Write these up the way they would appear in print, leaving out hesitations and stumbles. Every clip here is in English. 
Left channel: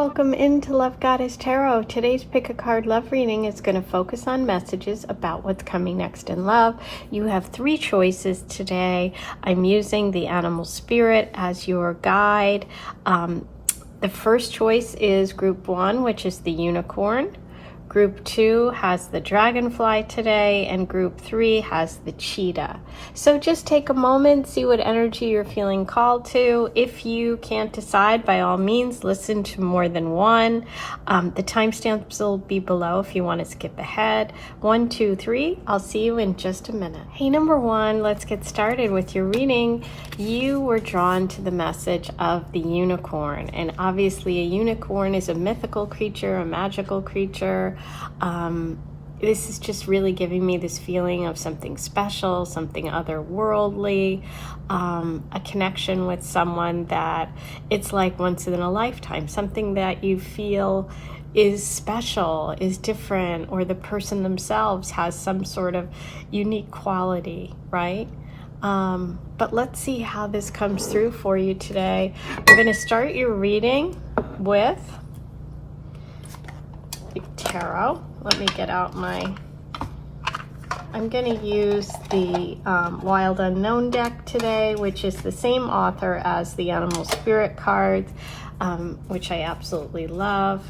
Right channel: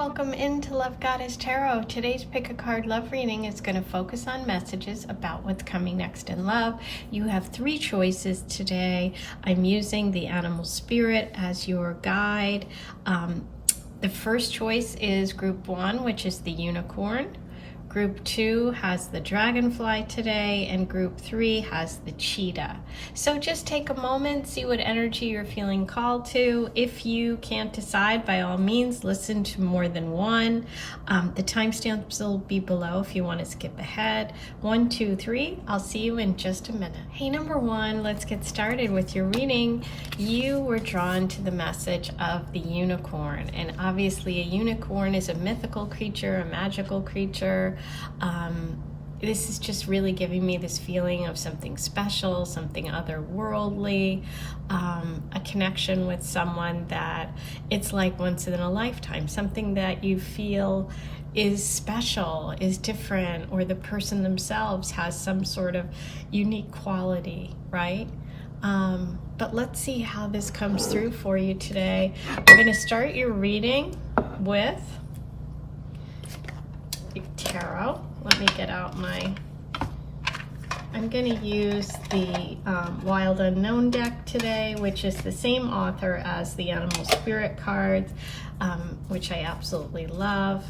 welcome into Love Goddess Tarot. Today's pick a card love reading is going to focus on messages about what's coming next in love. You have 3 choices today. I'm using the animal spirit as your guide. The first choice is group 1, which is the unicorn. Group 2 has the dragonfly today, and group 3 has the cheetah. So just take a moment, see what energy you're feeling called to. If you can't decide, by all means, listen to more than one. The timestamps will be below if you want to skip ahead. 1, 2, 3. I'll see you in just a minute. Hey, number 1, let's get started with your reading. You were drawn to the message of the unicorn, and obviously a unicorn is a mythical creature, a magical creature. This is just really giving me this feeling of something special, something otherworldly, a connection with someone that it's like once in a lifetime, something that you feel is special, is different, or the person themselves has some sort of unique quality, right? But let's see how this comes through for you today. We're going to start your reading with tarot. Let me get out I'm going to use the Wild Unknown deck today, which is the same author as the Animal Spirit cards, which I absolutely love.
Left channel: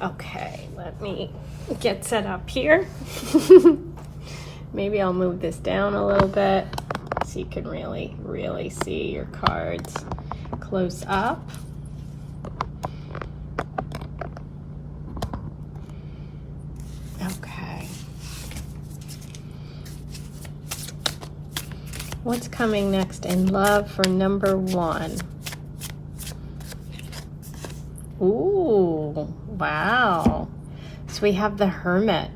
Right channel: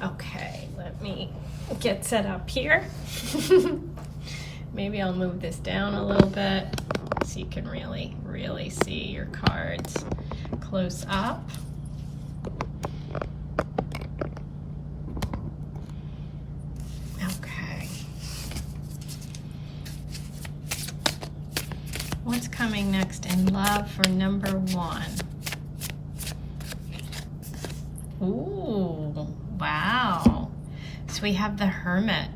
Okay, let me get set up here. Maybe I'll move this down a little bit so you can really see your cards close up. What's coming next in love for number 1? Ooh, wow. So we have the Hermit.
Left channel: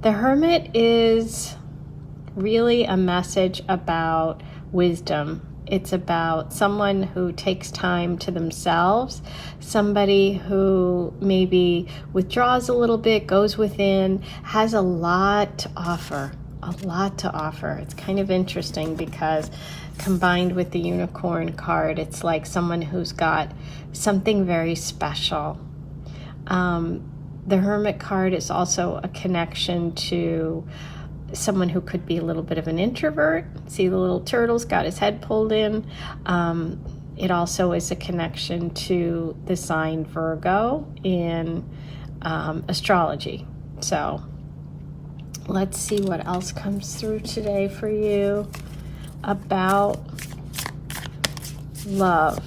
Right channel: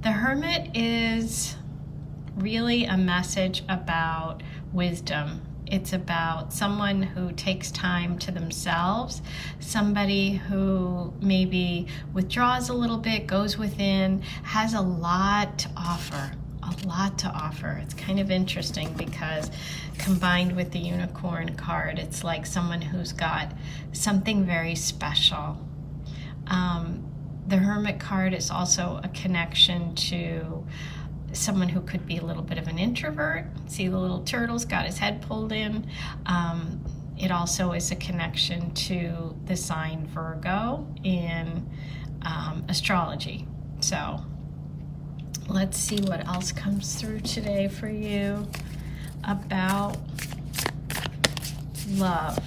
The Hermit is really a message about wisdom. It's about someone who takes time to themselves, somebody who maybe withdraws a little bit, goes within, has a lot to offer. It's kind of interesting because combined with the unicorn card, it's like someone who's got something very special. The Hermit card is also a connection to someone who could be a little bit of an introvert. See the little turtle's got his head pulled in. It also is a connection to the sign Virgo in astrology. So let's see what else comes through today for you about love.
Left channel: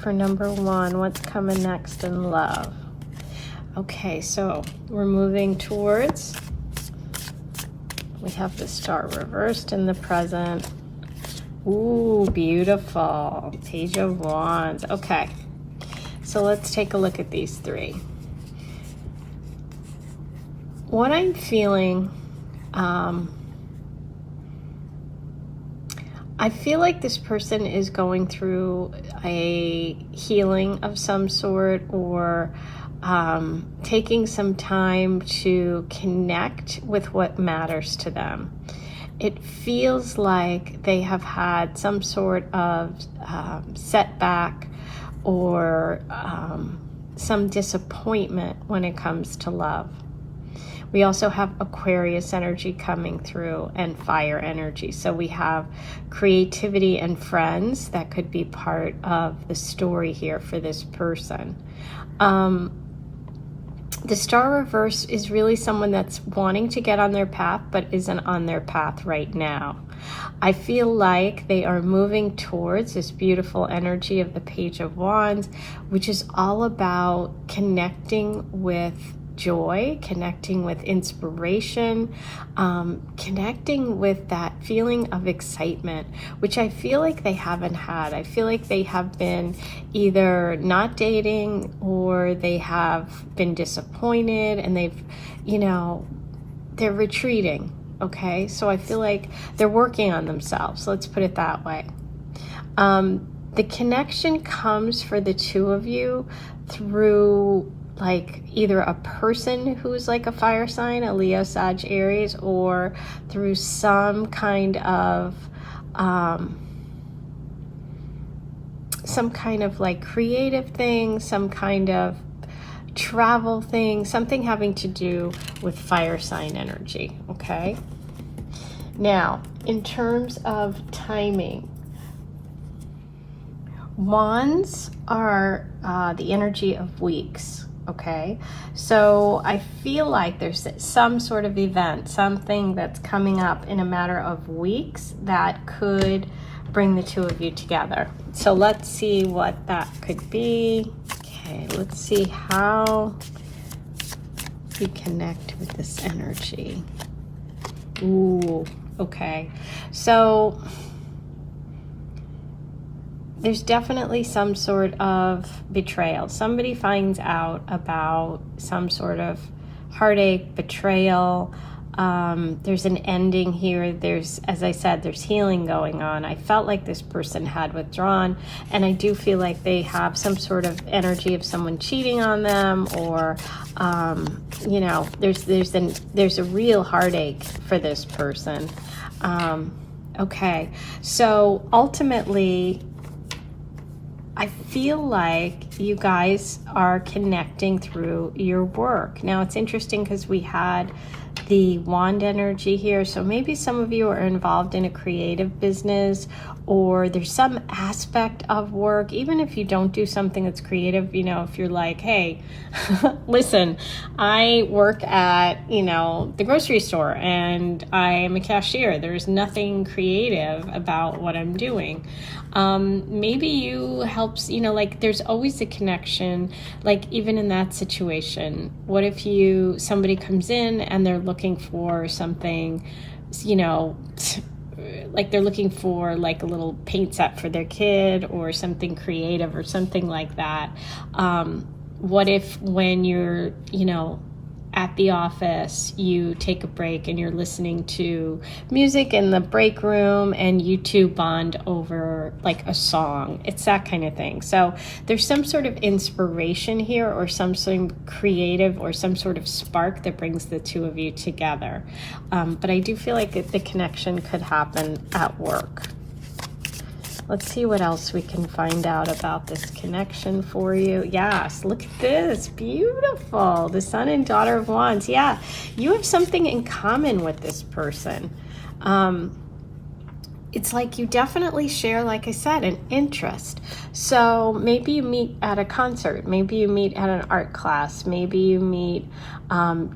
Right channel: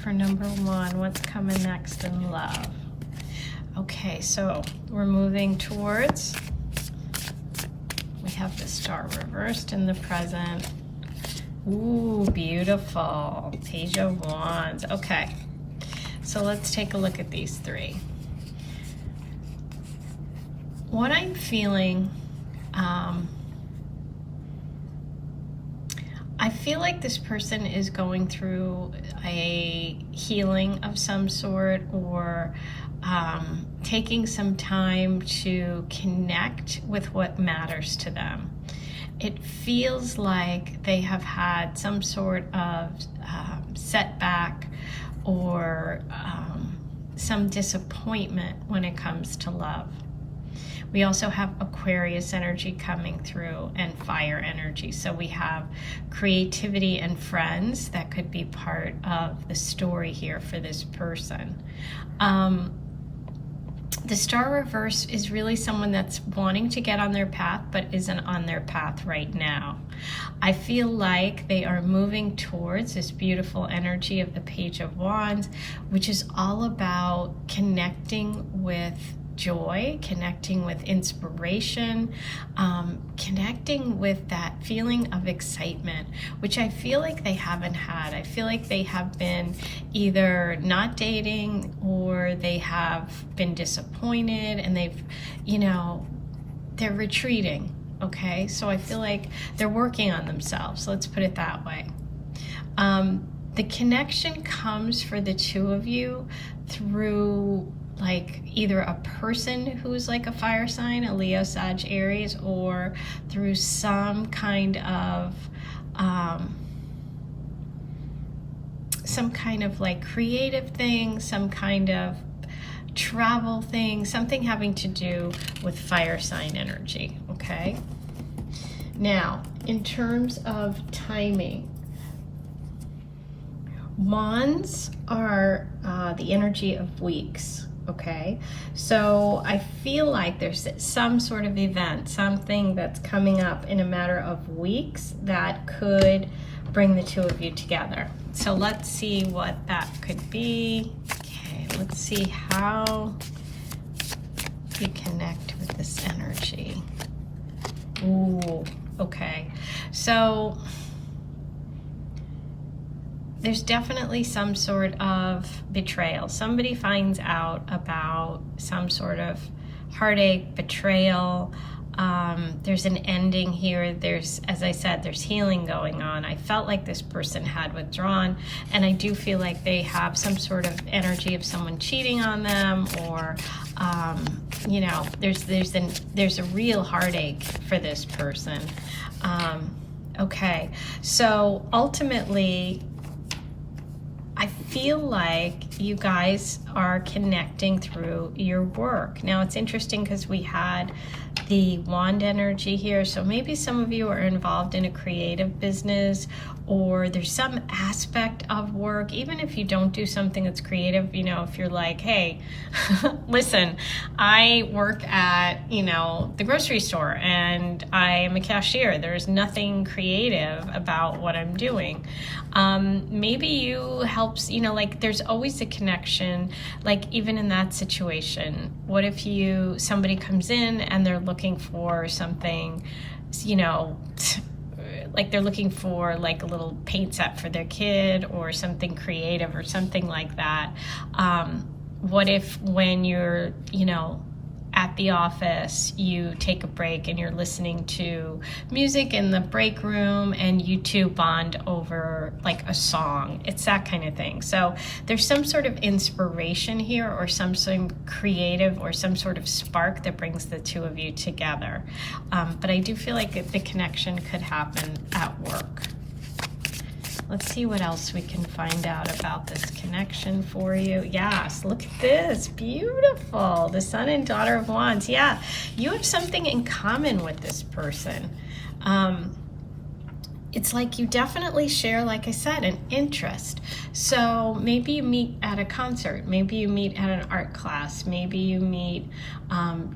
For number 1, what's coming next in love? Okay, so we're moving towards, we have the Star reversed in the present. Ooh, beautiful. Page of Wands. Okay, so let's take a look at these 3. What I'm feeling, I feel like this person is going through a healing of some sort, or taking some time to connect with what matters to them. It feels like they have had some sort of setback or some disappointment when it comes to love. We also have Aquarius energy coming through and fire energy. So we have creativity and friends that could be part of the story here for this person. The Star reverse is really someone that's wanting to get on their path but isn't on their path right now. I feel like they are moving towards this beautiful energy of the Page of Wands, which is all about connecting with joy, connecting with inspiration, connecting with that feeling of excitement, which I feel like they haven't had. I feel like they have been either not dating or they have been disappointed and they've, they're retreating. Okay, so I feel like they're working on themselves. Let's put it that way. The connection comes for the 2 of you through like either a person who's like a fire sign, a Leo, Sag, Aries, or through some kind of some kind of like creative thing, some kind of travel thing, something having to do with fire sign energy, okay? Now, in terms of timing, wands are the energy of weeks, okay? So I feel like there's some sort of event, something that's coming up in a matter of weeks that could bring the two of you together. So let's see what that could be. Okay, let's see how we connect with this energy. Ooh, okay. So there's definitely some sort of betrayal. Somebody finds out about some sort of heartache, betrayal. There's an ending here. There's, as I said, there's healing going on. I felt like this person had withdrawn, and I do feel like they have some sort of energy of someone cheating on them, or you know, there's a real heartache for this person. Okay, so ultimately, I feel like you guys are connecting through your work. Now, it's interesting because we had the wand energy here, so maybe some of you are involved in a creative business, or there's some aspect of work, even if you don't do something that's creative, you know, if you're like, hey, listen, I work at, you know, the grocery store and I am a cashier. There's nothing creative about what I'm doing. Maybe you helps, you know, like there's always a connection, like even in that situation. What if somebody comes in and they're looking for something, you know, like they're looking for like a little paint set for their kid or something creative or something like that. What if when you're, you know, at the office, you take a break and you're listening to music in the break room and you two bond over like a song? It's that kind of thing. So there's some sort of inspiration here, or some sort of creative or some sort of spark that brings the two of you together. But I do feel like the connection could happen at work. Let's see what else we can find out about this connection for you. Yes, look at this. Beautiful. The Sun and Daughter of Wands. Yeah, you have something in common with this person. It's like you definitely share, like I said, an interest. So maybe you meet at a concert. Maybe you meet at an art class. Maybe you meet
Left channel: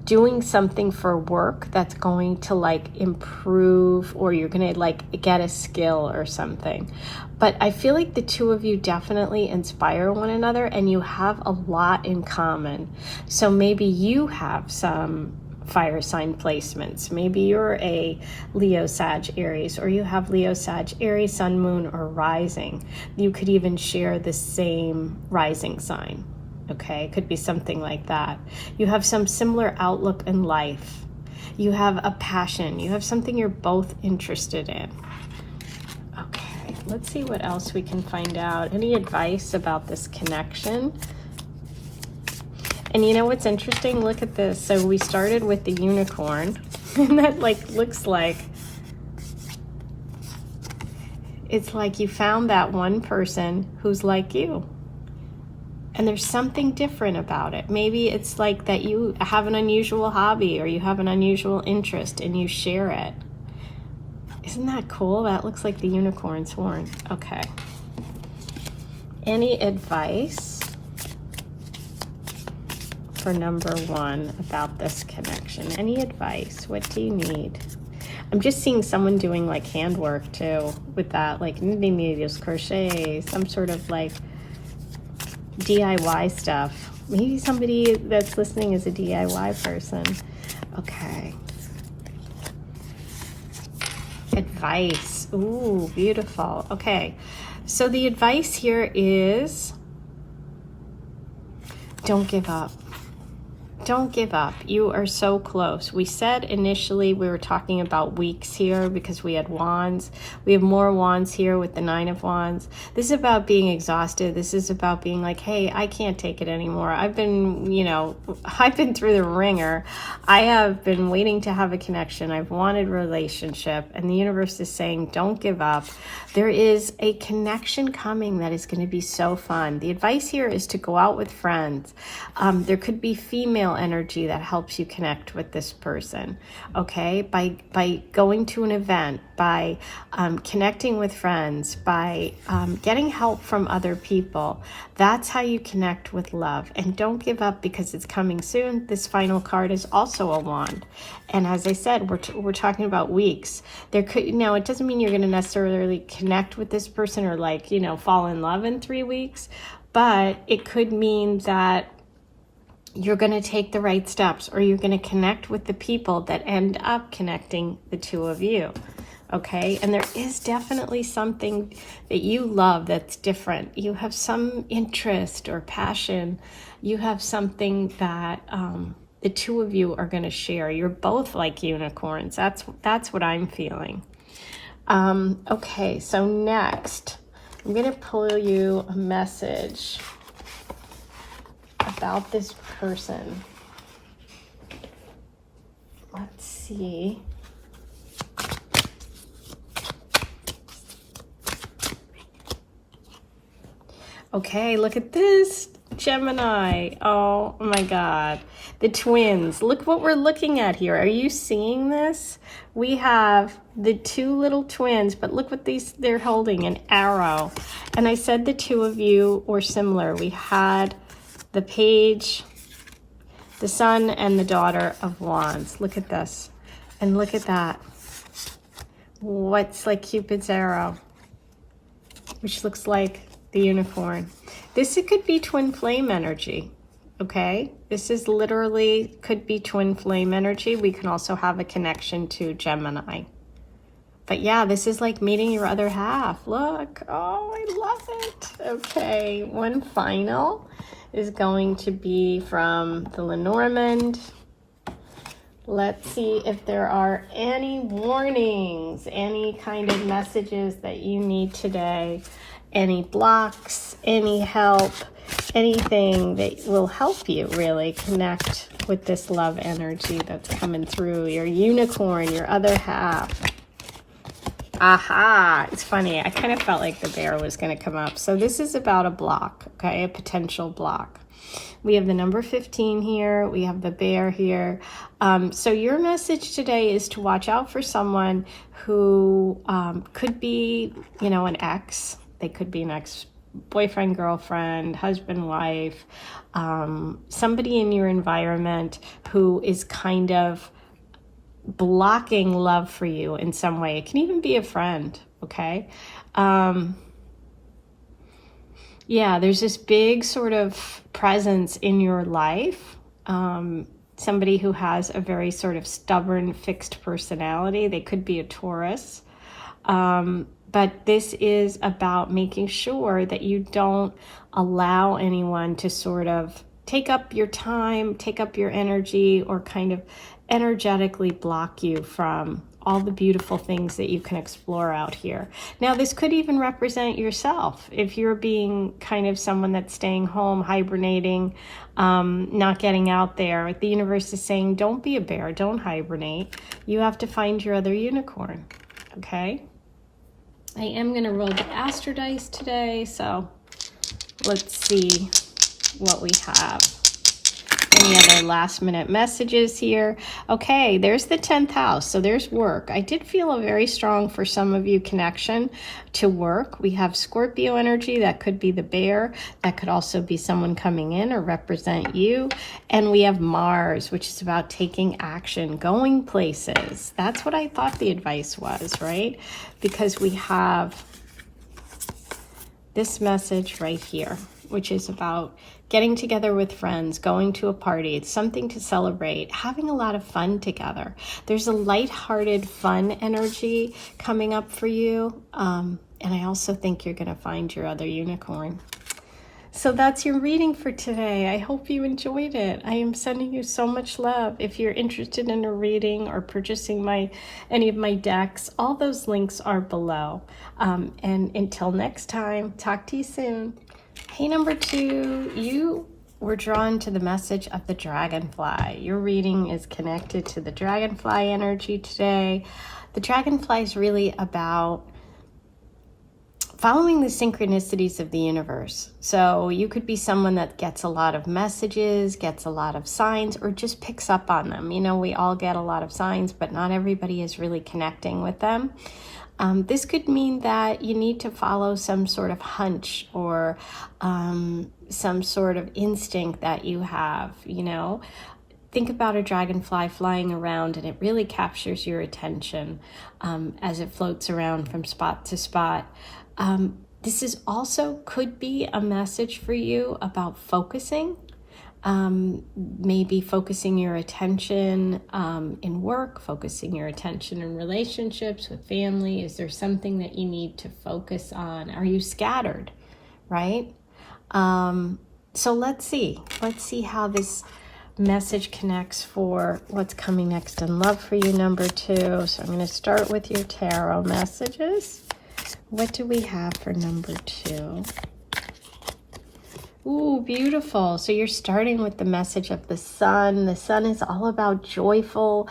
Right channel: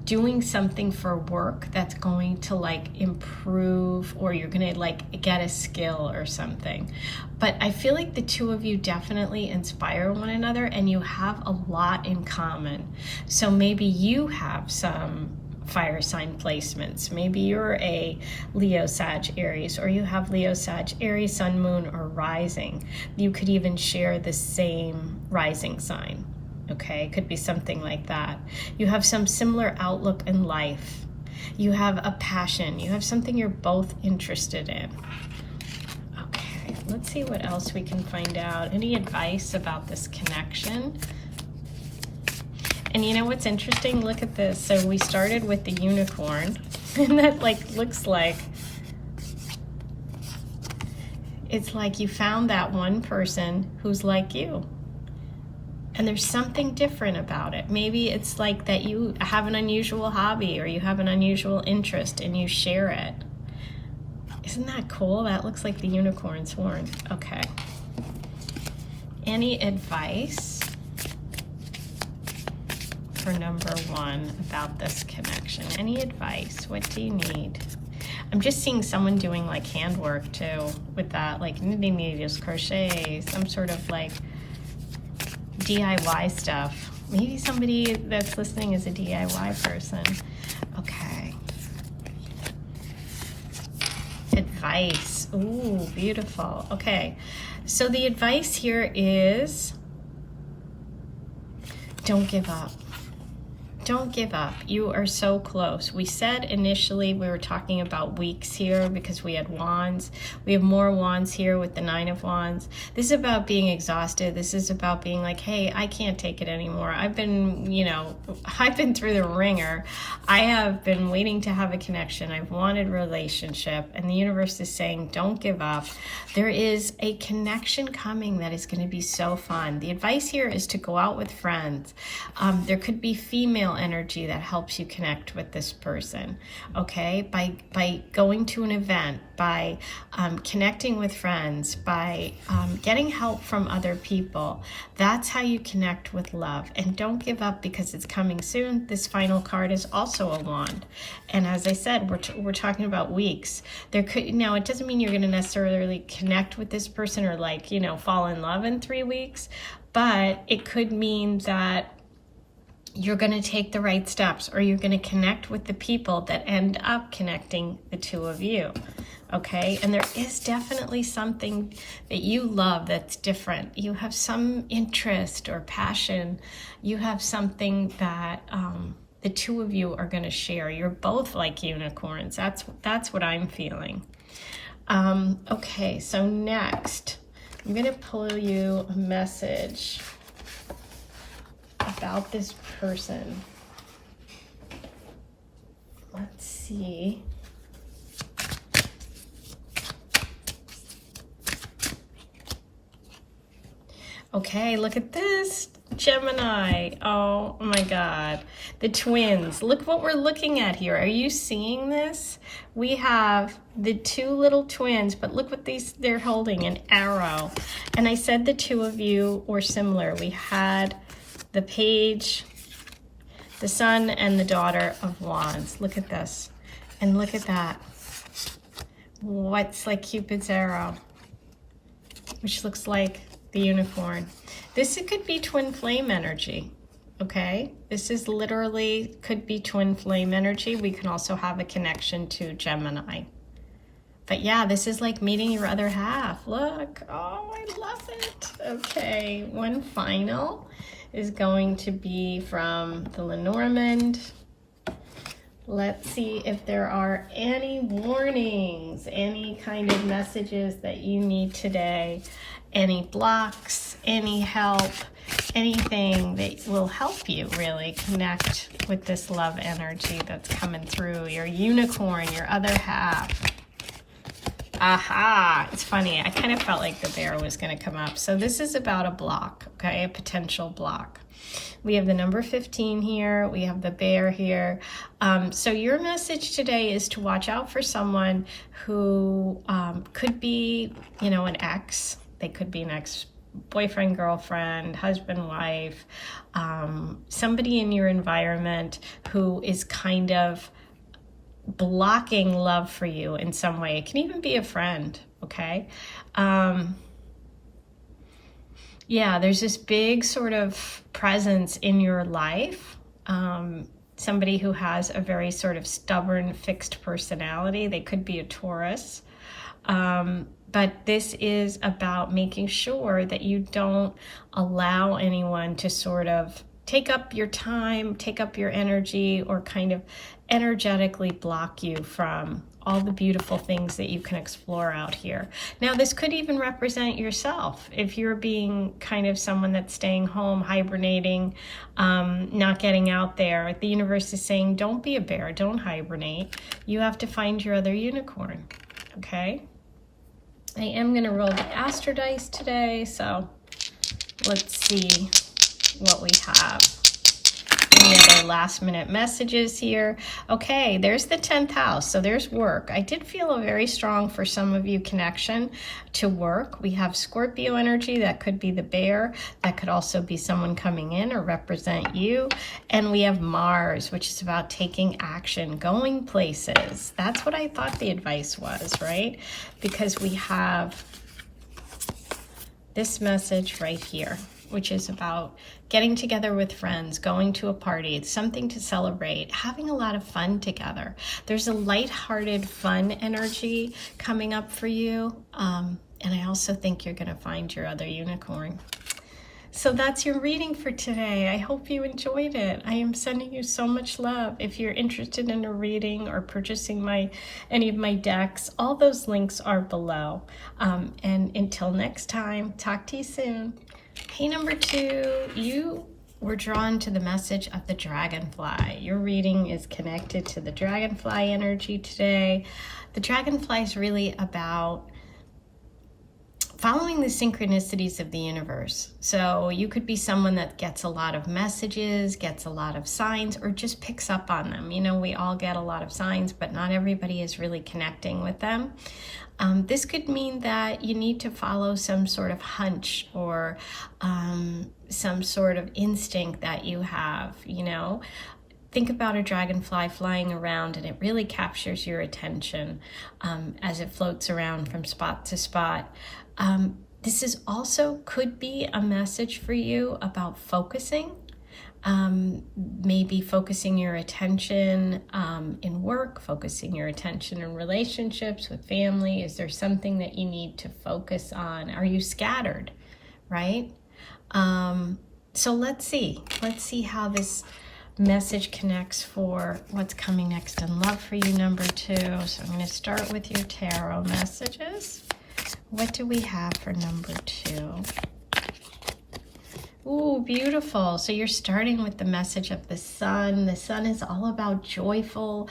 doing something for work that's going to like improve, or you're going to like get a skill or something. But I feel like the two of you definitely inspire one another, and you have a lot in common. So maybe you have some fire sign placements. Maybe you're a Leo, Sag, Aries, or you have Leo, Sag, Aries, Sun, Moon, or Rising. You could even share the same rising sign. Okay, it could be something like that. You have some similar outlook in life. You have a passion. You have something you're both interested in. Okay, let's see what else we can find out. Any advice about this connection? And you know what's interesting? Look at this. So we started with the unicorn, and that like looks like, it's like you found that one person who's like you. And there's something different about it. Maybe it's like that you have an unusual hobby, or you have an unusual interest and you share it. Isn't that cool? That looks like the unicorn's horn. Okay. Any advice for number one about this connection? Any advice? What do you need? I'm just seeing someone doing like handwork too with that, like knitting needles, crochet, some sort of like DIY stuff. Maybe somebody that's listening is a DIY person. Okay. Advice. Ooh, beautiful. Okay. So the advice here is don't give up. don't give up. You are so close. We said initially we were talking about weeks here because we had wands. We have more wands here with the 9 of Wands. This is about being exhausted. This is about being like, hey, I can't take it anymore. I've been, I've been through the ringer. I have been waiting to have a connection. I've wanted a relationship, and the universe is saying, don't give up. There is a connection coming that is going to be so fun. The advice here is to go out with friends. There could be female energy that helps you connect with this person, okay? By going to an event, by connecting with friends, by getting help from other people. That's how you connect with love. And don't give up because it's coming soon. This final card is also a wand. And as I said, we're talking about weeks. There could, now it doesn't mean you're going to necessarily connect with this person or fall in love in 3 weeks, but it could mean that you're going to take the right steps, or you're going to connect with the people that end up connecting the two of you. Okay, and there is definitely something that you love that's different. You have some interest or passion. You have something that the two of you are going to share. You're both like unicorns. That's what I'm feeling. Okay, so next, I'm going to pull you a message about this person. Let's see. Okay, look at this, Gemini. Oh my God, the twins. Look what we're looking at here. Are you seeing this? We have the 2 little twins, but look what they're holding, an arrow. And I said the 2 of you were similar. We had the Page, the Son, and the Daughter of Wands. Look at this, and look at that. What's like Cupid's arrow, which looks like the unicorn. This, it could be twin flame energy, okay? This is literally, could be twin flame energy. We can also have a connection to Gemini. But yeah, this is like meeting your other half. Look, oh, I love it. Okay, one final is going to be from the Lenormand. Let's see if there are any warnings, any kind of messages that you need today. Any blocks, any help, anything that will help you really connect with this love energy that's coming through. Your unicorn, your other half. Aha, it's funny. I kind of felt like the bear was going to come up. So this is about a block, okay, a potential block. We have the number 15 here. We have the bear here. So your message today is to watch out for someone who could be, an ex. They could be an ex-boyfriend, girlfriend, husband, wife, somebody in your environment who is kind of blocking love for you in some way. It can even be a friend, okay? Yeah, there's this big sort of presence in your life. Somebody who has a very sort of stubborn, fixed personality. They could be a Taurus. But this is about making sure that you don't allow anyone to sort of take up your time, take up your energy, or kind of energetically block you from all the beautiful things that you can explore out here. Now, this could even represent yourself. If you're being kind of someone that's staying home, hibernating, not getting out there, the universe is saying, don't be a bear, don't hibernate. You have to find your other unicorn, okay? I am going to roll the Astro dice today, so let's see what we have. Any other last minute messages here? Okay, there's the 10th house, so there's work. I did feel a very strong, for some of you, connection to work. We have Scorpio energy. That could be the bear. That could also be someone coming in or represent you. And we have Mars, which is about taking action, going places. That's what I thought the advice was, right? Because we have this message right here, which is about getting together with friends, going to a party. It's something to celebrate, having a lot of fun together. There's a lighthearted, fun energy coming up for you. And I also think you're going to find your other unicorn. So that's your reading for today. I hope you enjoyed it. I am sending you so much love. If you're interested in a reading or purchasing any of my decks, all those links are below. And until next time, talk to you soon. Hey, number 2, you were drawn to the message of the dragonfly. Your reading is connected to the dragonfly energy today. The dragonfly is really about following the synchronicities of the universe. So you could be someone that gets a lot of messages, gets a lot of signs, or just picks up on them. You know, we all get a lot of signs, but not everybody is really connecting with them. This could mean that you need to follow some sort of hunch or some sort of instinct that you have, you know. Think about a dragonfly flying around, and it really captures your attention as it floats around from spot to spot. This is also could be a message for you about focusing, maybe focusing your attention in work, focusing your attention in relationships with family. Is there something that you need to focus on? Are you scattered, right? So let's see how this message connects for what's coming next in love for you, number 2. So I'm going to start with your tarot messages. What do we have for number 2? Ooh, beautiful. So you're starting with the message of the sun. The sun is all about joyful,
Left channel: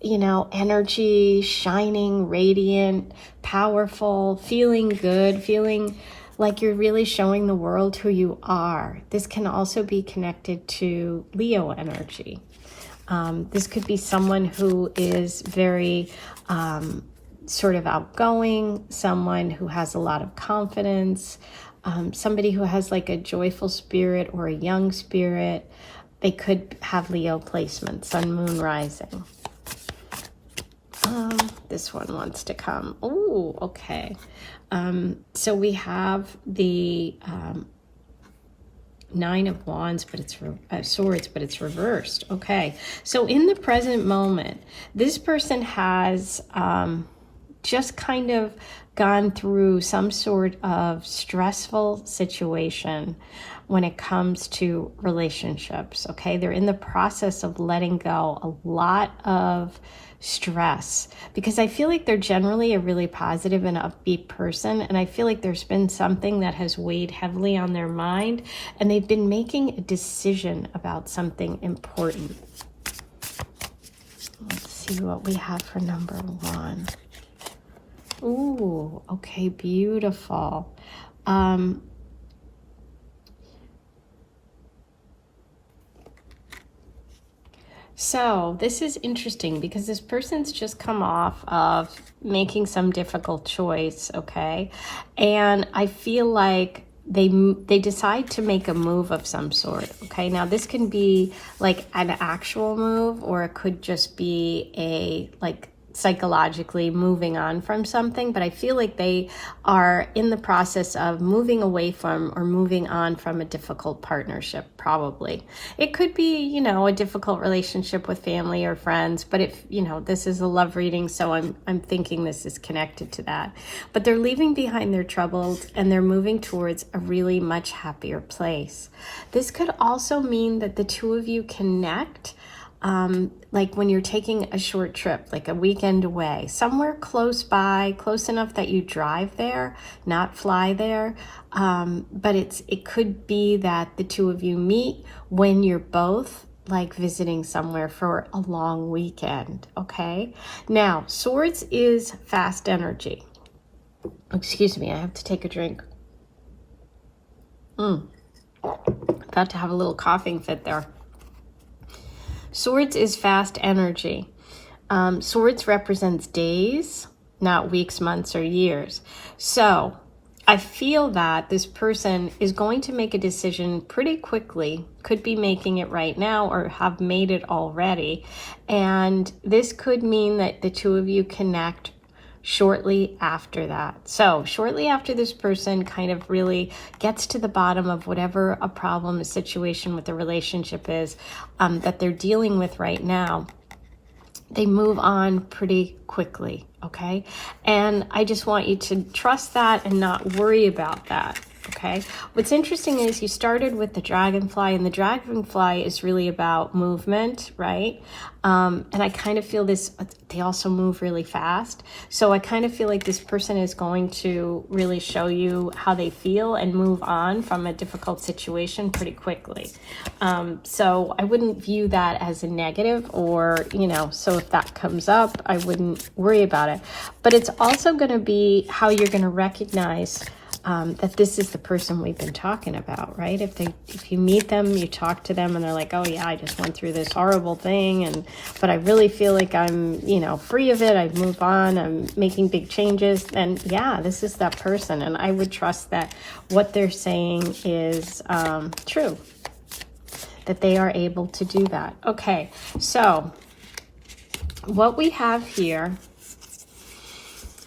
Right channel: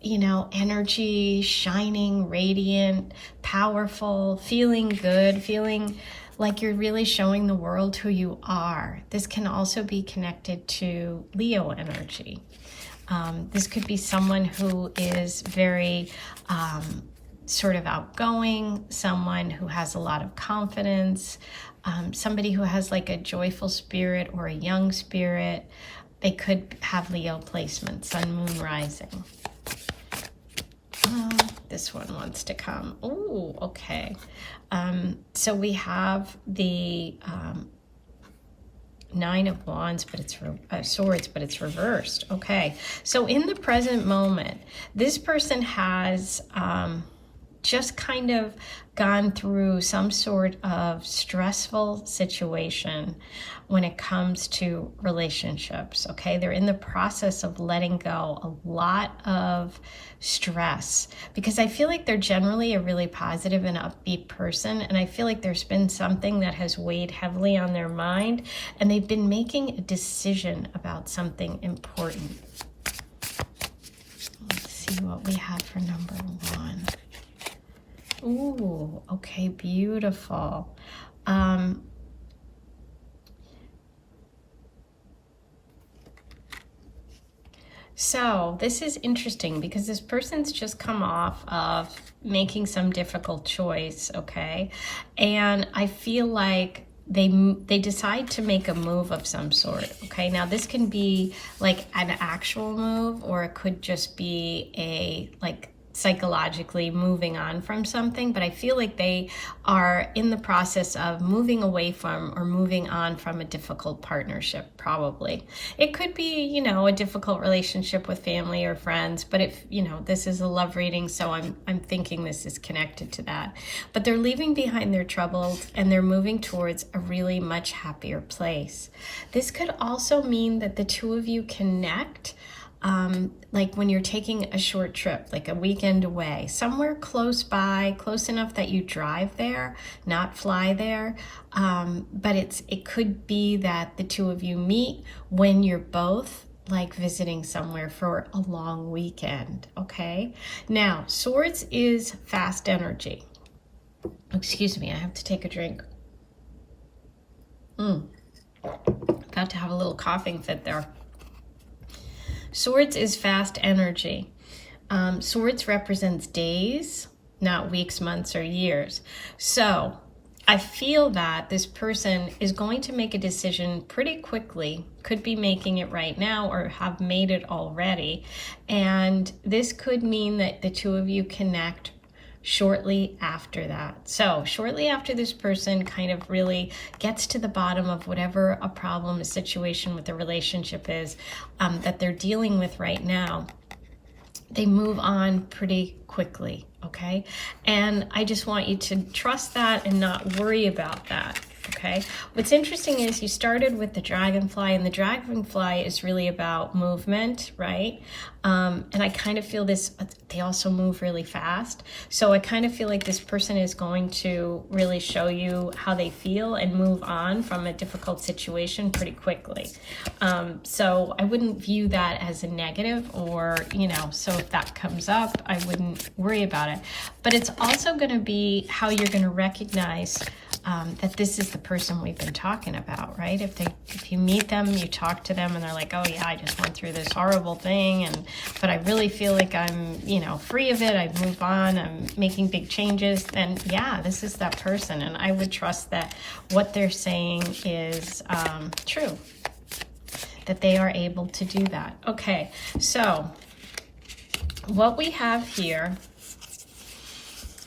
you know, energy, shining, radiant, powerful, feeling good, feeling like you're really showing the world who you are. This can also be connected to Leo energy. This could be someone who is very sort of outgoing, someone who has a lot of confidence, somebody who has like a joyful spirit or a young spirit. They could have Leo placement, sun, moon, rising. This one wants to come. Oh, okay. So we have the 9 of Wands, but it's Swords, but it's reversed. Okay. So in the present moment, this person has just kind of gone through some sort of stressful situation when it comes to relationships, okay? They're in the process of letting go a lot of stress, because I feel like they're generally a really positive and upbeat person, and I feel like there's been something that has weighed heavily on their mind, and they've been making a decision about something important. Let's see what we have for number 1. Ooh, okay, beautiful. So this is interesting because this person's just come off of making some difficult choice, okay? And I feel like they decide to make a move of some sort, okay? Now this can be like an actual move, or it could just be a like psychologically moving on from something, but I feel like they are in the process of moving away from or moving on from a difficult partnership, probably. It could be, you know, a difficult relationship with family or friends, but if, you know, this is a love reading, so I'm thinking this is connected to that. But they're leaving behind their troubles and they're moving towards a really much happier place. This could also mean that the two of you connect like when you're taking a short trip, like a weekend away, somewhere close by, close enough that you drive there, not fly there. But it could be that the two of you meet when you're both like visiting somewhere for a long weekend, okay? Now, Swords is fast energy. Excuse me, I have to take a drink. About to have a little coughing fit there. Swords is fast energy. Swords represents days, not weeks, months, or years. So I feel that this person is going to make a decision pretty quickly, could be making it right now or have made it already. And this could mean that the two of you connect shortly after that. So shortly after this person kind of really gets to the bottom of whatever a problem, a situation with the relationship is that they're dealing with right now, they move on pretty quickly, okay? And I just want you to trust that and not worry about that, Okay, what's interesting is you started with the dragonfly, and the dragonfly is really about movement, right? And I kind of feel this, they also move really fast. So I kind of feel like this person is going to really show you how they feel and move on from a difficult situation pretty quickly. So I wouldn't view that as a negative, or, you know, so if that comes up, I wouldn't worry about it. But it's also going to be how you're going to recognize that this is the person we've been talking about, right? If you meet them, you talk to them, and they're like, oh yeah, I just went through this horrible thing, but I really feel like I'm, you know, free of it. I've moved on. I'm making big changes. And yeah, this is that person. And I would trust that what they're saying is true, that they are able to do that. Okay, so what we have here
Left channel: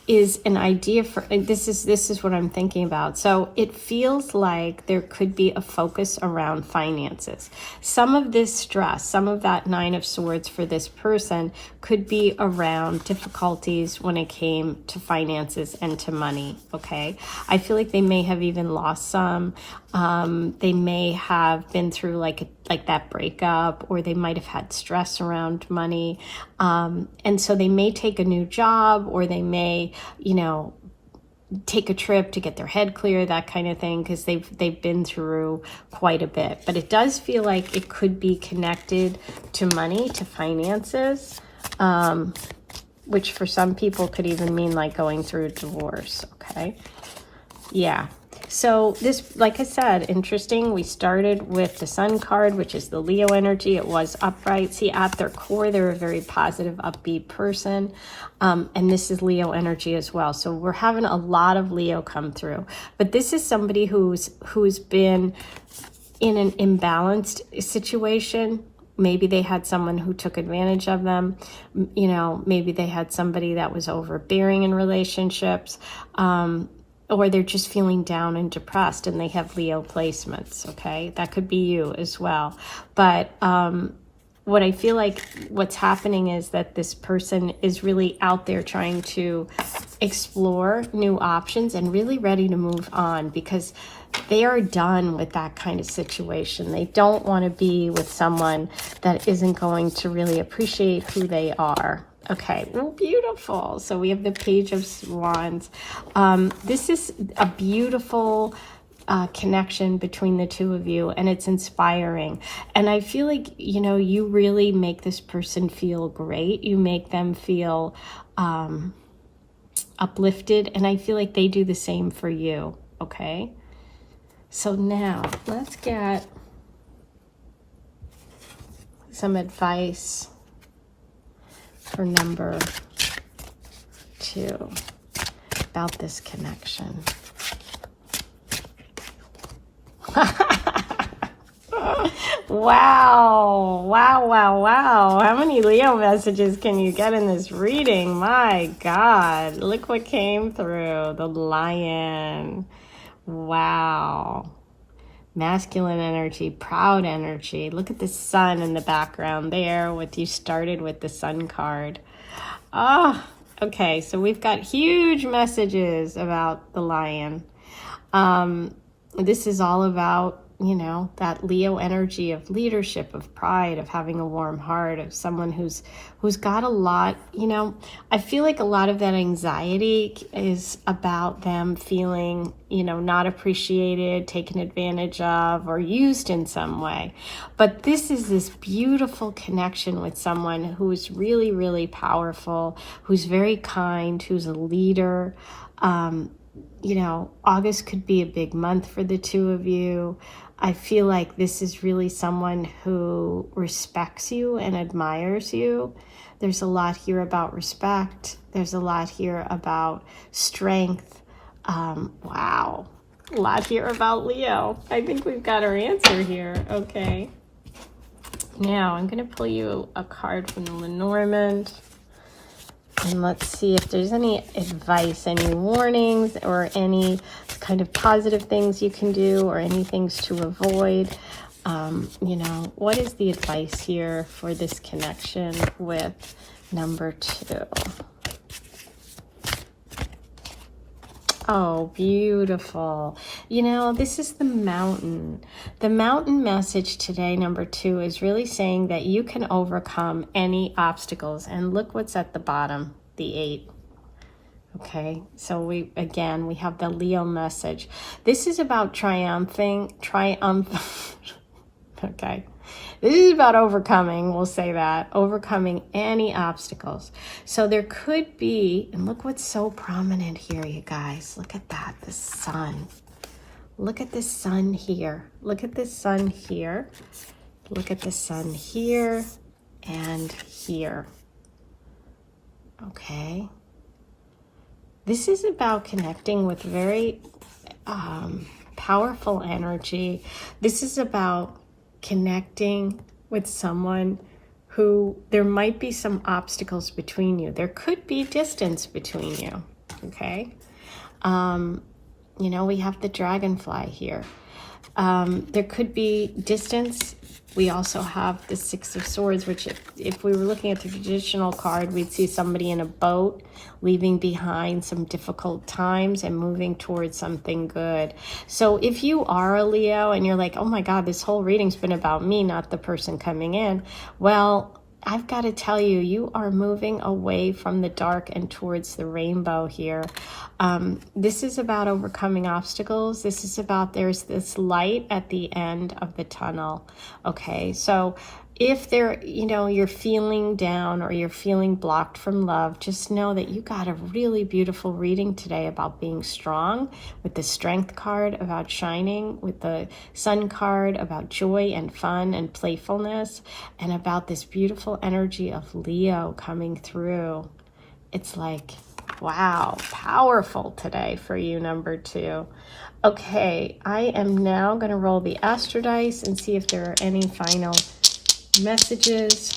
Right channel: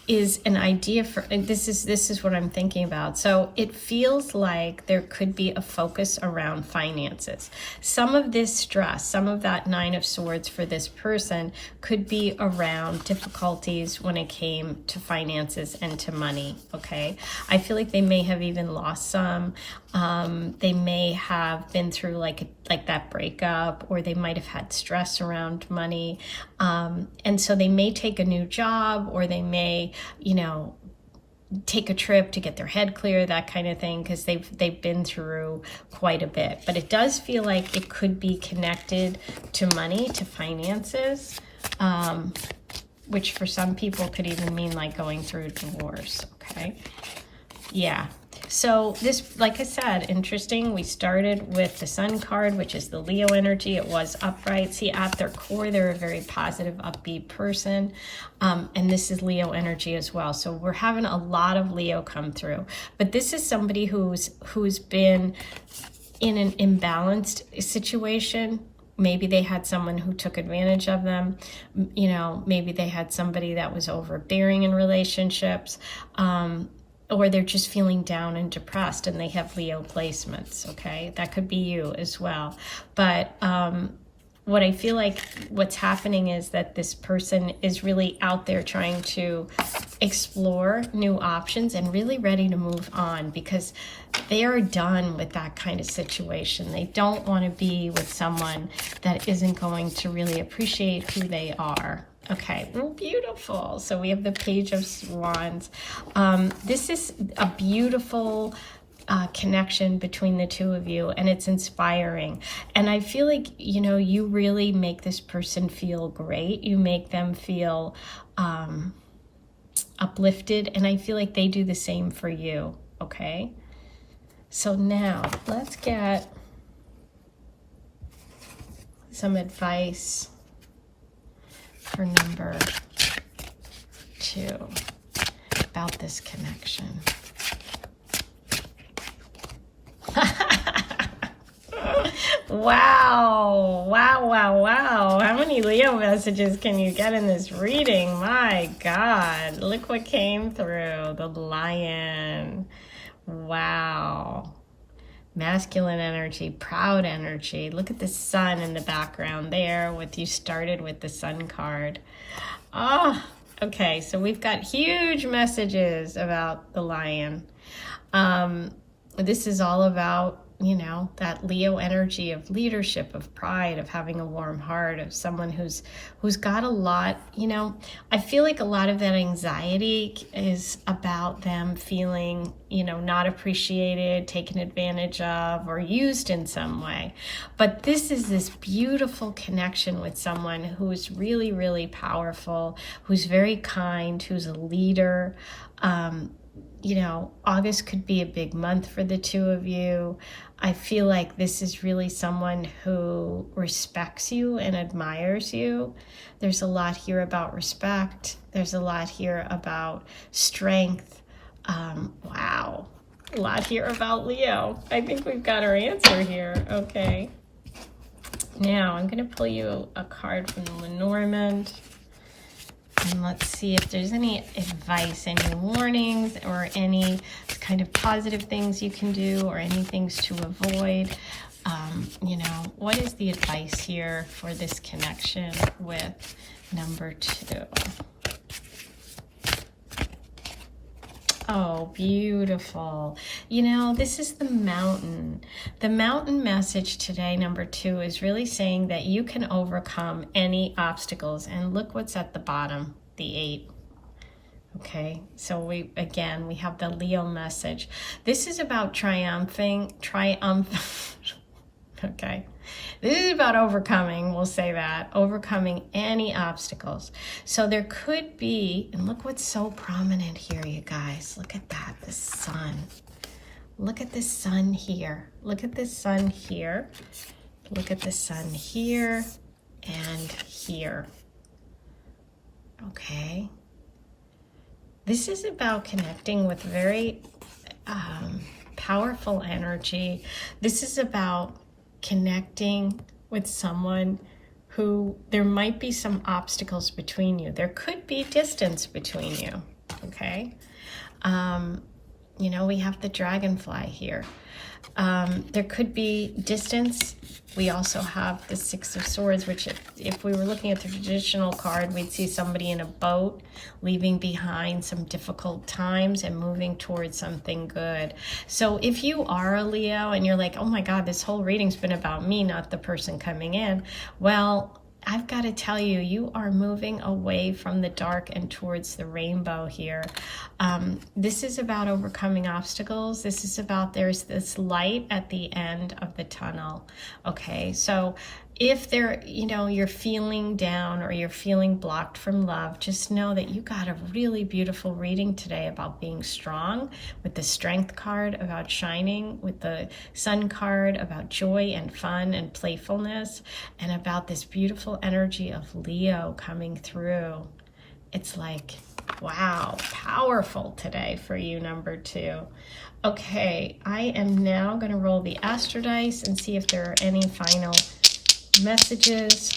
is an idea for, and this is what I'm thinking about. So it feels like there could be a focus around finances. Some of this stress, some of that Nine of Swords for this person could be around difficulties when it came to finances and to money, okay? I feel like they may have even lost some. They may have been through like that breakup, or they might have had stress around money. And so they may take a new job, or they may, you know, take a trip to get their head clear, that kind of thing, because they've been through quite a bit. But it does feel like it could be connected to money, to finances, which for some people could even mean like going through a divorce, okay? Yeah. So this, like I said, interesting. We started with the Sun card, which is the Leo energy. It was upright. See, at their core, they're a very positive, upbeat person. And this is Leo energy as well. So we're having a lot of Leo come through. But this is somebody who's been in an imbalanced situation. Maybe they had someone who took advantage of them. You know, maybe they had somebody that was overbearing in relationships. Or they're just feeling down and depressed, and they have Leo placements, okay? That could be you as well. But what I feel like what's happening is that this person is really out there trying to explore new options and really ready to move on, because they are done with that kind of situation. They don't want to be with someone that isn't going to really appreciate who they are. Okay, well, beautiful. So we have the Page of Wands. This is a beautiful connection between the two of you, and it's inspiring. And I feel like, you know, you really make this person feel great. You make them feel uplifted, and I feel like they do the same for you, okay? So now let's get some advice for number 2 about this connection. Wow. How many Leo messages can you get in this reading? My God, look what came through. The Lion. Wow. Masculine energy, proud energy. Look at the sun in the background there. What you started with the Sun card. Oh, okay. So we've got huge messages about the Lion. This is all about, you know, that Leo energy of leadership, of pride, of having a warm heart, of someone who's got a lot, you know. I feel like a lot of that anxiety is about them feeling, you know, not appreciated, taken advantage of, or used in some way. But this is this beautiful connection with someone who is really, really powerful, who's very kind, who's a leader. You know, August could be a big month for the two of you. I feel like this is really someone who respects you and admires you. There's a lot here about respect. There's a lot here about strength. Wow. A lot here about Leo. I think we've got our answer here. Okay. Now, I'm going to pull you a card from the Lenormand. And let's see if there's any advice, any warnings, or any kind of positive things you can do, or any things to avoid. You know, what is the advice here for this connection with number 2? Oh, beautiful. You know, this is the mountain. The mountain message today, number 2, is really saying that you can overcome any obstacles. And look what's at the bottom, the 8. Okay, so we have the Leo message. This is about triumphing. Okay, this is about overcoming, we'll say that, overcoming any obstacles. So there could be, and look what's so prominent here, you guys. Look at that, the sun. Look at the sun here. Look at the sun here. Look at the sun here and here. Okay. This is about connecting with very powerful energy. This is about connecting with someone who there might be some obstacles between you. There could be distance between you, okay? You know, we have the dragonfly here. There could be distance. We also have the 6 of Swords, which if we were looking at the traditional card, we'd see somebody in a boat leaving behind some difficult times and moving towards something good. So if you are a Leo and you're like, oh my God, this whole reading's been about me, not the person coming in. Well, I've got to tell you, you are moving away from the dark and towards the rainbow here. This is about overcoming obstacles. This is about there's this light at the end of the tunnel. Okay, so if you're feeling down or you're feeling blocked from love, just know that you got a really beautiful reading today about being strong, with the Strength card about shining, with the Sun card about joy and fun and playfulness, and about this beautiful energy of Leo coming through. It's like, wow, powerful today for you, number 2. Okay, I am now going to roll the Astro Dice and see if there are any final messages.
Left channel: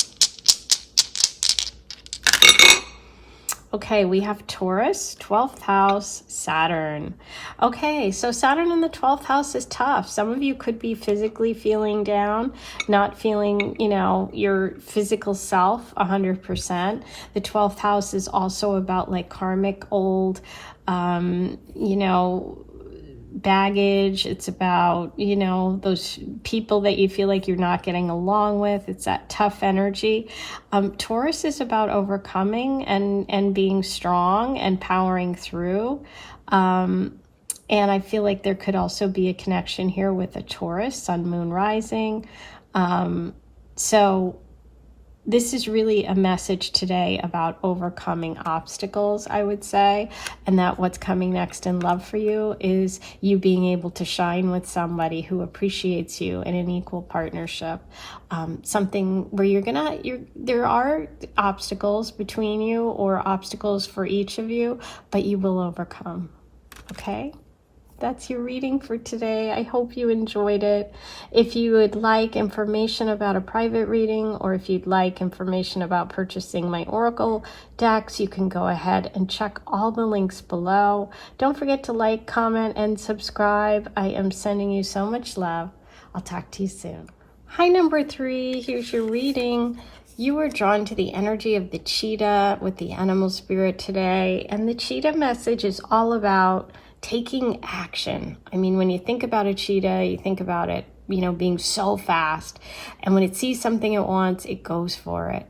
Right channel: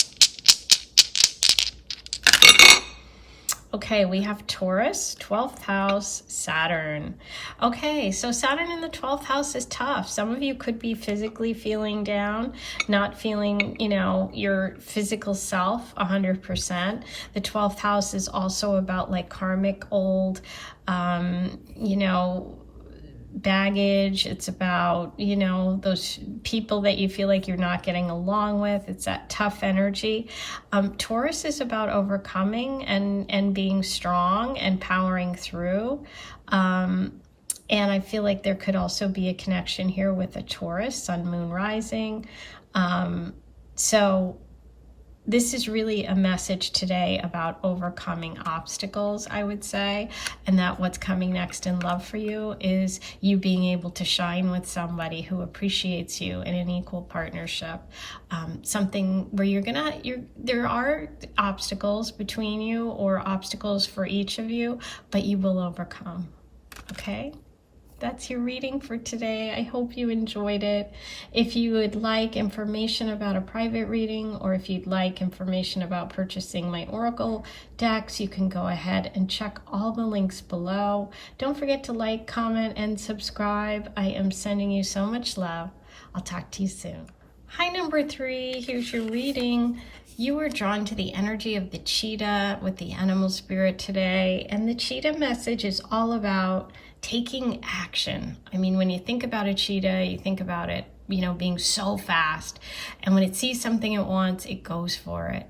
Okay, we have Taurus, 12th house, Saturn. Okay, so Saturn in the 12th house is tough. Some of you could be physically feeling down, not feeling, your physical self 100%. The 12th house is also about like karmic old, baggage. It's about, those people that you feel like you're not getting along with. It's that tough energy. Taurus is about overcoming and being strong and powering through. And I feel like there could also be a connection here with a Taurus, sun, moon, rising. So this is really a message today about overcoming obstacles, I would say, and that what's coming next in love for you is you being able to shine with somebody who appreciates you in an equal partnership. Something where there are obstacles between you or obstacles for each of you, but you will overcome, okay? That's your reading for today. I hope you enjoyed it. If you would like information about a private reading, or if you'd like information about purchasing my Oracle decks, you can go ahead and check all the links below. Don't forget to like, comment, and subscribe. I am sending you so much love. I'll talk to you soon. Hi, number 3. Here's your reading. You were drawn to the energy of the cheetah with the animal spirit today. And the cheetah message is all about taking action. I mean, when you think about a cheetah, you think about it, being so fast. And when it sees something it wants, it goes for it.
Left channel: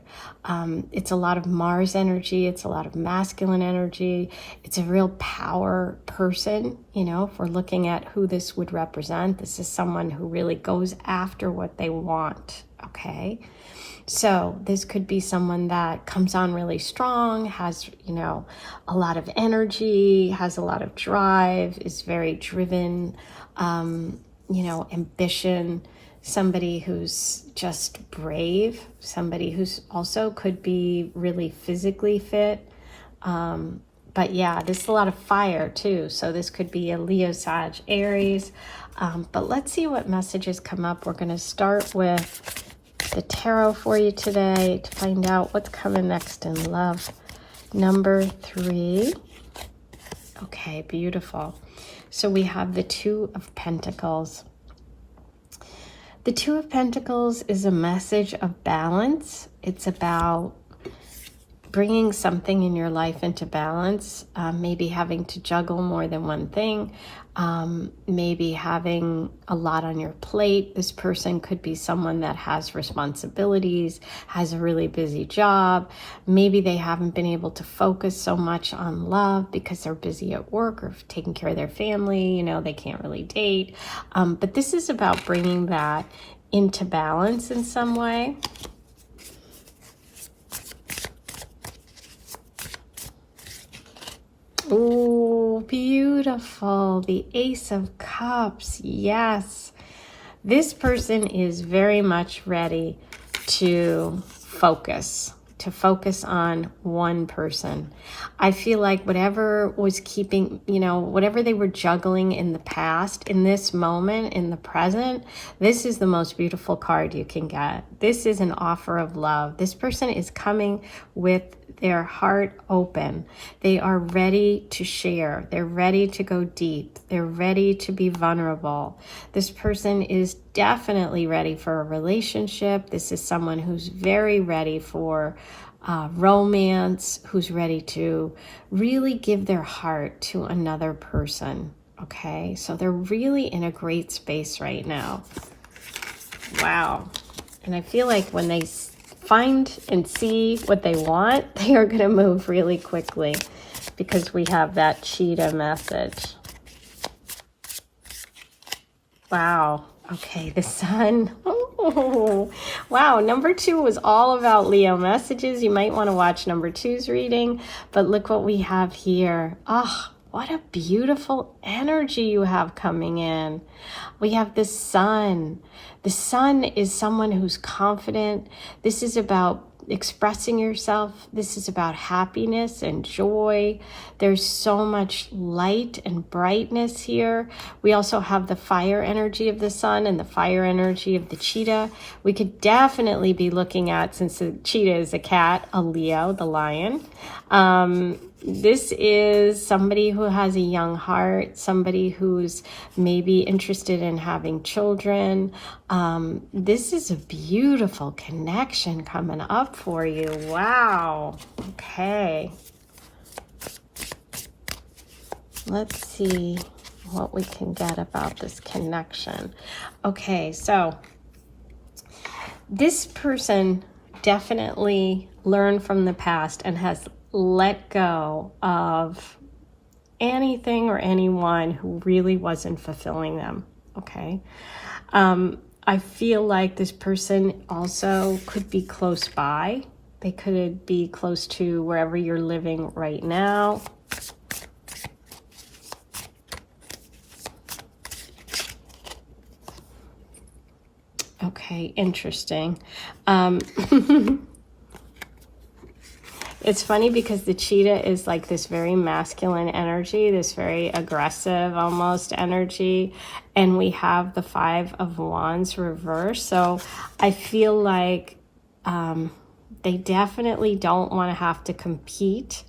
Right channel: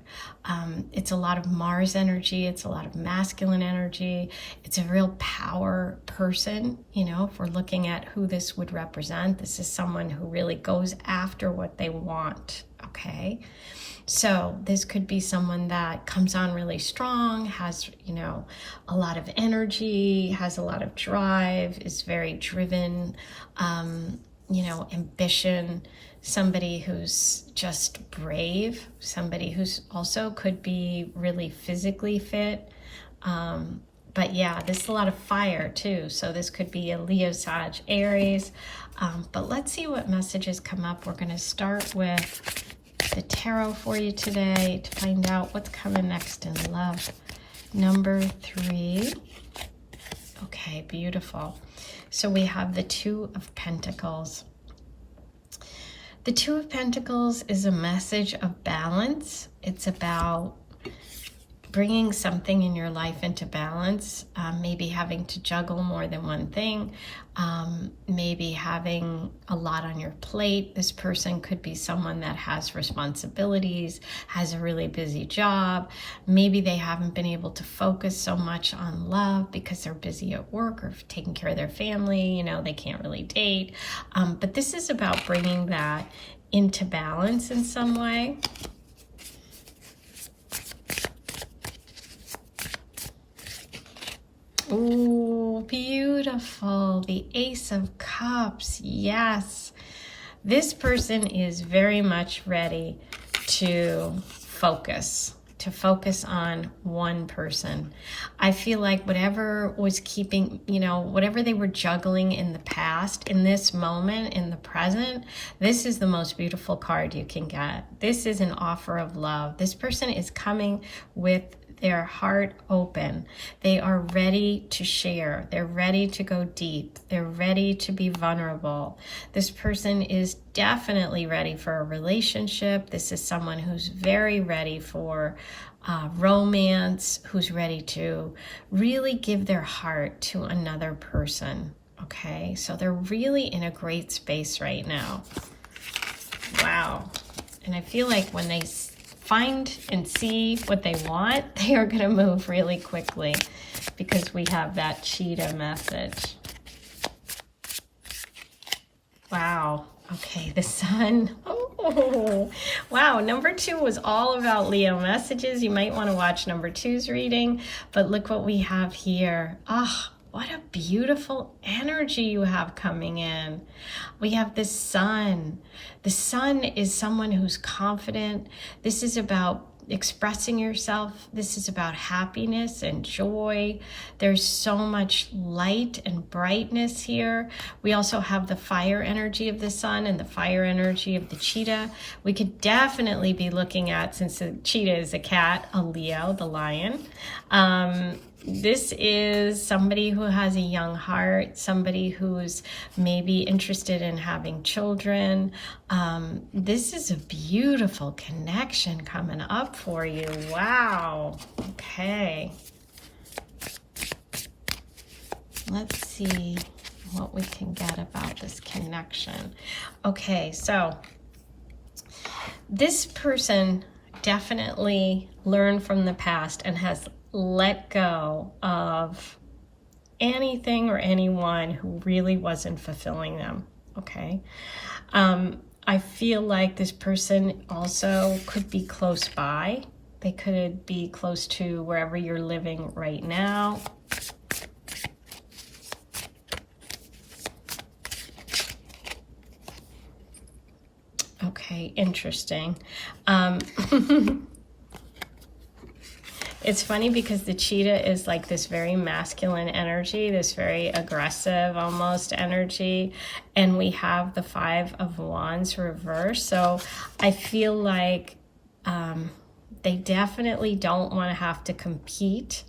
It's a lot of Mars energy. It's a lot of masculine energy. It's a real power person, if we're looking at who this would represent. This is someone who really goes after what they want, okay? So this could be someone that comes on really strong, has, a lot of energy, has a lot of drive, is very driven, ambition, somebody who's just brave, somebody who's also could be really physically fit. But yeah, there's a lot of fire too. So this could be a Leo, Sag, Aries. But let's see what messages come up. We're going to start with the tarot for you today to find out what's coming next in love. Number 3. Okay, beautiful. So we have the 2 of Pentacles. The 2 of Pentacles is a message of balance. It's about bringing something in your life into balance, maybe having to juggle more than one thing, maybe having a lot on your plate. This person could be someone that has responsibilities, has a really busy job. Maybe they haven't been able to focus so much on love because they're busy at work or taking care of their family. You know, they can't really date. But this is about bringing that into balance in some way. Oh, beautiful. The Ace of Cups. Yes. This person is very much ready to focus on one person. I feel like whatever was keeping, whatever they were juggling in the past, in this moment, in the present, this is the most beautiful card you can get. This is an offer of love. This person is coming with their heart open. They are ready to share. They're ready to go deep. They're ready to be vulnerable. This person is definitely ready for a relationship. This is someone who's very ready for romance, who's ready to really give their heart to another person. Okay, so they're really in a great space right now. Wow. And I feel like when they find and see what they want, they are going to move really quickly because we have that cheetah message. Wow. Okay, the sun. Oh, wow. Number 2 was all about Leo messages. You might want to watch number 2's reading, but look what we have here. Oh, what a beautiful energy you have coming in. We have the sun. The sun is someone who's confident. This is about expressing yourself. This is about happiness and joy. There's so much light and brightness here. We also have the fire energy of the sun and the fire energy of the cheetah. We could definitely be looking at, since the cheetah is a cat, a Leo, the lion. This is somebody who has a young heart, somebody who's maybe interested in having children. This is a beautiful connection coming up for you. Wow. Okay. Let's see what we can get about this connection. Okay, so this person definitely learned from the past and has let go of anything or anyone who really wasn't fulfilling them. Okay. I feel like this person also could be close by. They could be close to wherever you're living right now. Okay, interesting. It's funny because the cheetah is like this very masculine energy, this very aggressive almost energy, and we have the 5 of Wands reversed. So I feel like they definitely don't want to have to compete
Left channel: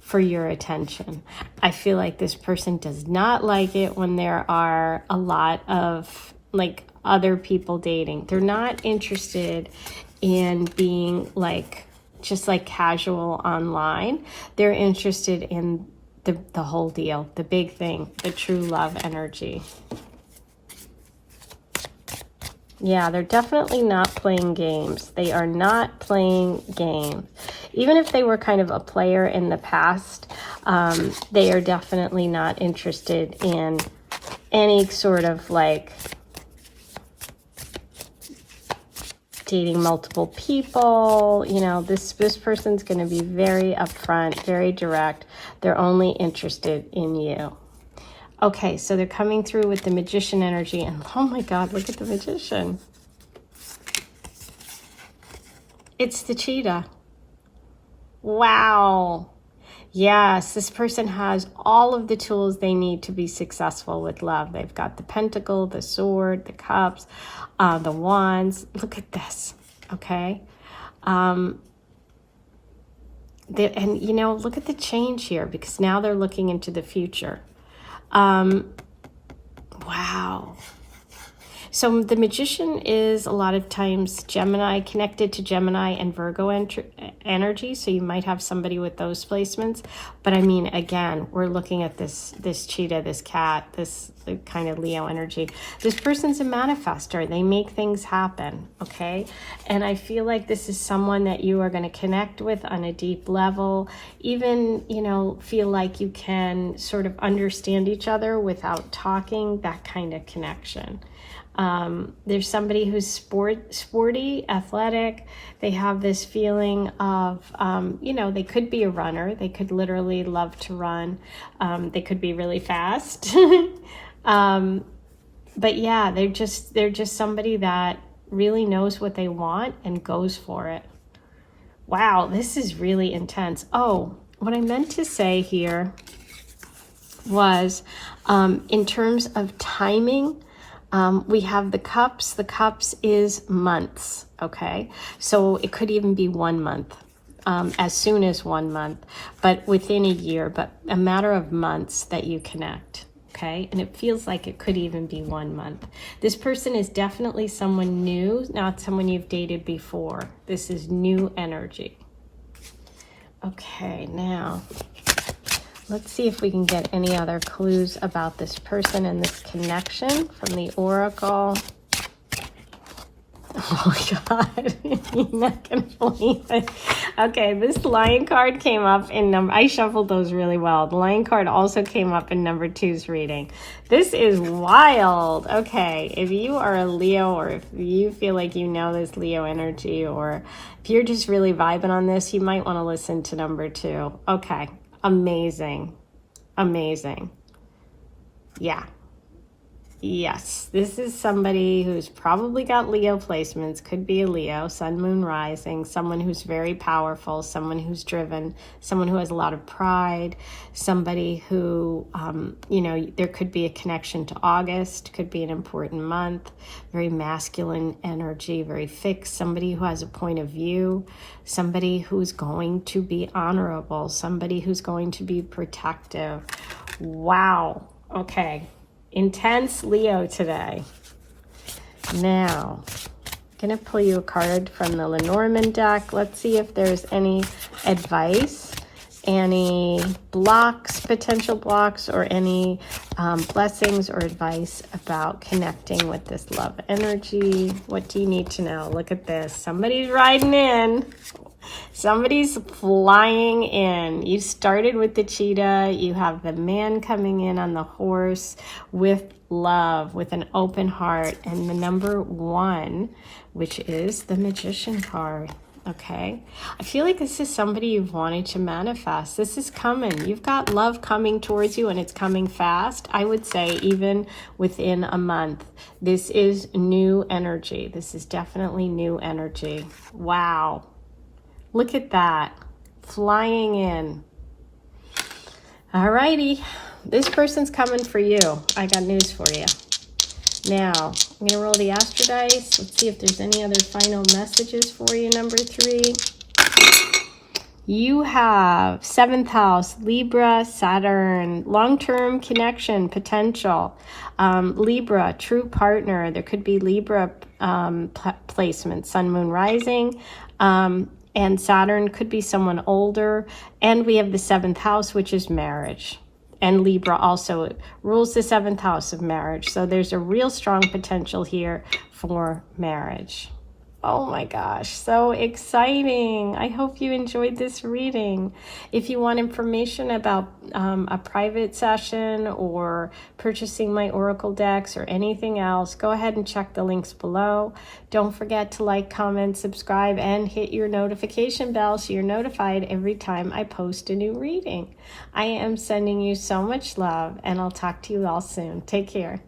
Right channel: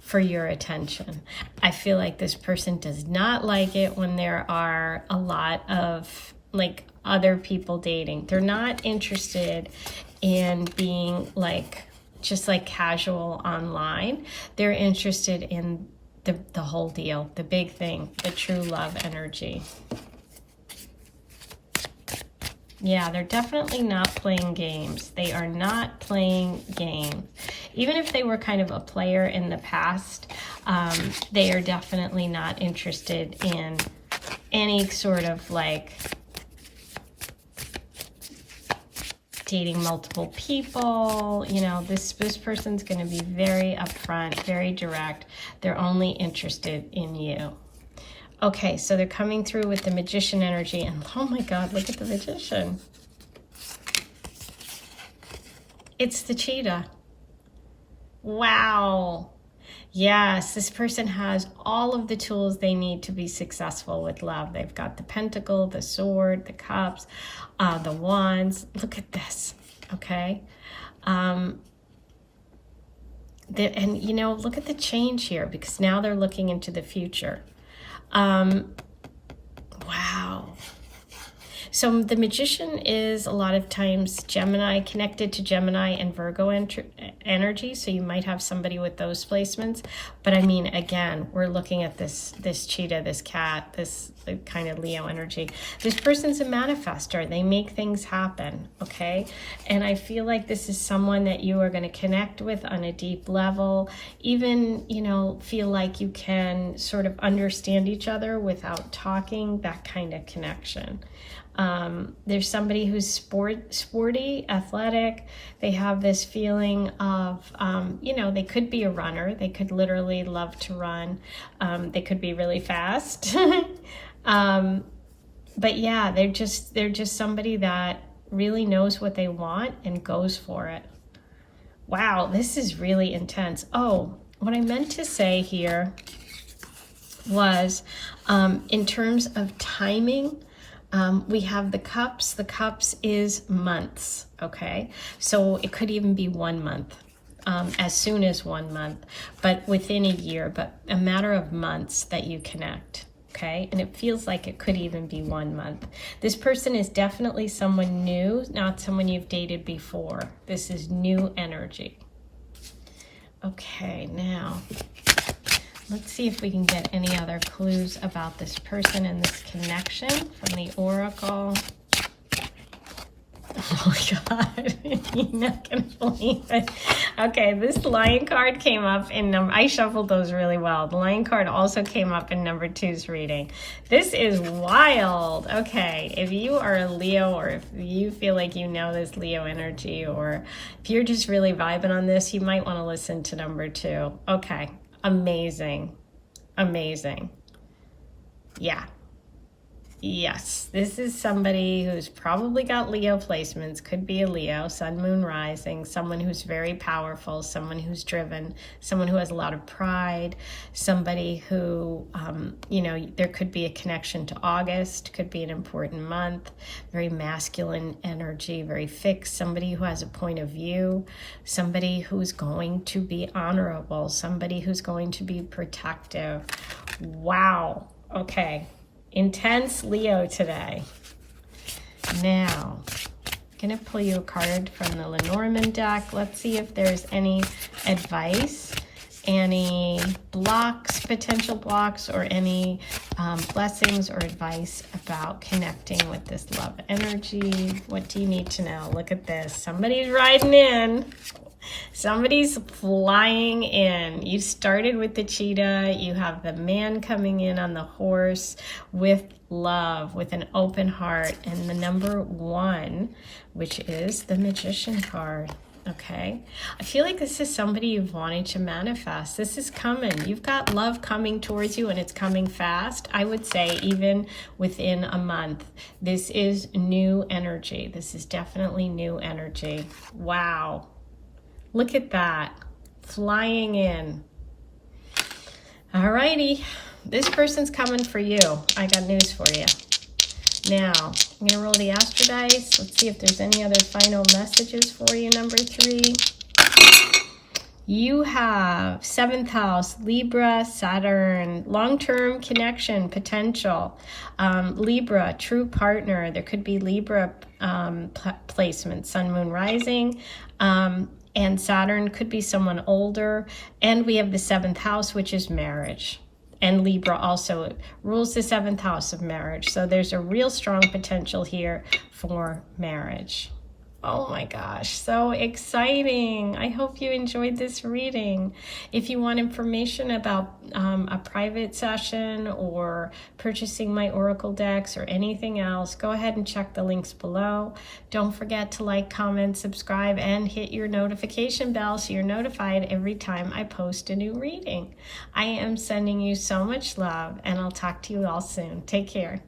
for your attention. I feel like this person does not like it when there are a lot of like other people dating. They're not interested in being like just like casual online. They're interested in the whole deal, the big thing, the true love energy. Yeah, they're definitely not playing games. They are not playing games. Even if they were kind of a player in the past, they are definitely not interested in any sort of like dating multiple people. You know, this person's going to be very upfront, very direct. They're only interested in you. Okay, so they're coming through with the Magician energy, and oh my God, look at the Magician. It's the cheetah. Wow. Yes, this person has all of the tools they need to be successful with love. They've got the Pentacle, the Sword, the Cups, the Wands. Look at this, okay? And you know, look at the change here, because now they're looking into the future. Wow. So the Magician is a lot of times Gemini, connected to Gemini and Virgo energy. So you might have somebody with those placements. But I mean, again, we're looking at this cheetah, this cat, this kind of Leo energy. This person's a manifestor. They make things happen, okay? And I feel like this is someone that you are going to connect with on a deep level. Even, you know, feel like you can sort of understand each other without talking, that kind of connection. There's somebody who's sporty, athletic. They have this feeling of, you know, they could be a runner. They could literally love to run. They could be really fast. But yeah, they're just somebody that really knows what they want and goes for it. Wow, this is really intense. Oh, what I meant to say here was, in terms of timing, we have the cups. The cups is months, okay? So it could even be 1 month, as soon as 1 month, but within a year, but a matter of months that you connect, okay? And it feels like it could even be 1 month. This person is definitely someone new, not someone you've dated before. This is new energy. Okay, now let's see if we can get any other clues about this person and this connection from the Oracle. Oh my God, you're not gonna believe it. Okay, this Lion card came up in number, I shuffled those really well. The Lion card also came up in number 2's reading. This is wild. Okay, if you are a Leo, or if you feel like you know this Leo energy, or if you're just really vibing on this, you might want to listen to number 2. Okay, amazing. Amazing. Yeah. Yes, this is somebody who's probably got Leo placements, could be a Leo, sun, moon, rising, someone who's very powerful, someone who's driven, someone who has a lot of pride, somebody who, you know, there could be a connection to August, could be an important month, very masculine energy, very fixed, somebody who has a point of view, somebody who's going to be honorable, somebody who's going to be protective. Wow. Okay. Intense Leo today. Now, I'm going to pull you a card from the Lenormand deck. Let's see if there's any advice, any blocks, potential blocks, or any blessings or advice about connecting with this love energy. What do you need to know? Look at this. Somebody's riding in. Somebody's flying in. You started with the cheetah. You have the man coming in on the horse with love, with an open heart, and the number 1, which is the Magician card. Okay, I feel like this is somebody you've wanted to manifest. This is coming. You've got love coming towards you, and it's coming fast. I would say even within a month. This is new energy. This is definitely new energy. Wow. Look at that, flying in. All righty, this person's coming for you. I got news for you. Now, I'm gonna roll the Astro dice. Let's see if there's any other final messages for you, number 3. You have 7th house, Libra, Saturn, long-term connection, potential. Libra, true partner. There could be Libra placement, sun, moon, rising. And Saturn could be someone older. And we have the 7th house, which is marriage. And Libra also rules the 7th house of marriage. So there's a real strong potential here for marriage. Oh my gosh, so exciting. I hope you enjoyed this reading. If you want information about a private session or purchasing my Oracle decks or anything else, go ahead and check the links below. Don't forget to like, comment, subscribe, and hit your notification bell so you're notified every time I post a new reading. I am sending you so much love, and I'll talk to you all soon. Take care.